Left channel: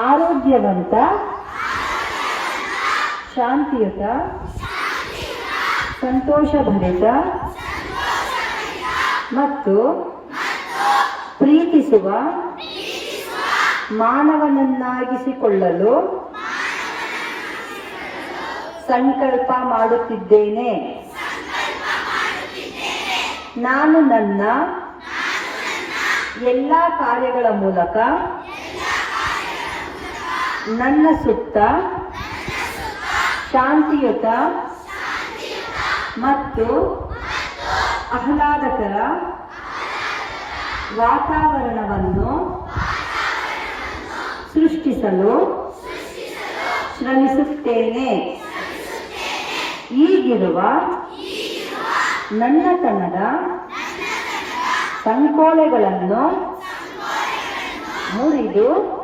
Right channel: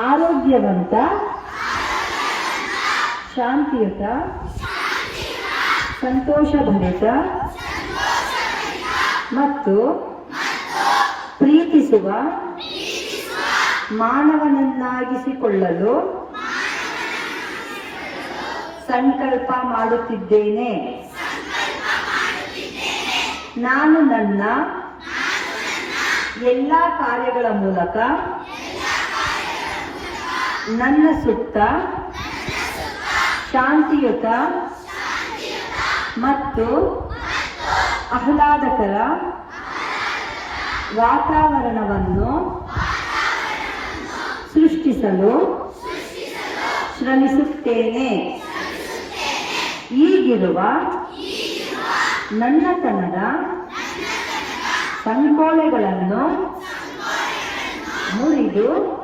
ಆರೋಗ್ಯವಂತ, ಶಾಂತಿಯುತ, ಸಂತೋಷಭರಿತ ಮತ್ತು ಪ್ರೀತಿಸುವ ಮಾನವನನ್ನಾಗಿಸಿಕೊಳ್ಳಲು ಸಂಕಲ್ಪ ಮಾಡುತ್ತಿದ್ದೇನೆ. ನಾನು ನನ್ನ ಎಲ್ಲ ಕಾರ್ಯಗಳ ಮೂಲಕ ನನ್ನ ಸುತ್ತ ಶಾಂತಿಯುತ ಮತ್ತು ಆಹ್ಲಾದಕರ ವಾತಾವರಣವನ್ನು ಸೃಷ್ಟಿಸಲು ಶ್ರಮಿಸುತ್ತೇನೆ. ಈಗಿರುವ ನನ್ನ ತನ್ನಡ ಸಂಕೋಲೆಗಳನ್ನು ಮುರಿದು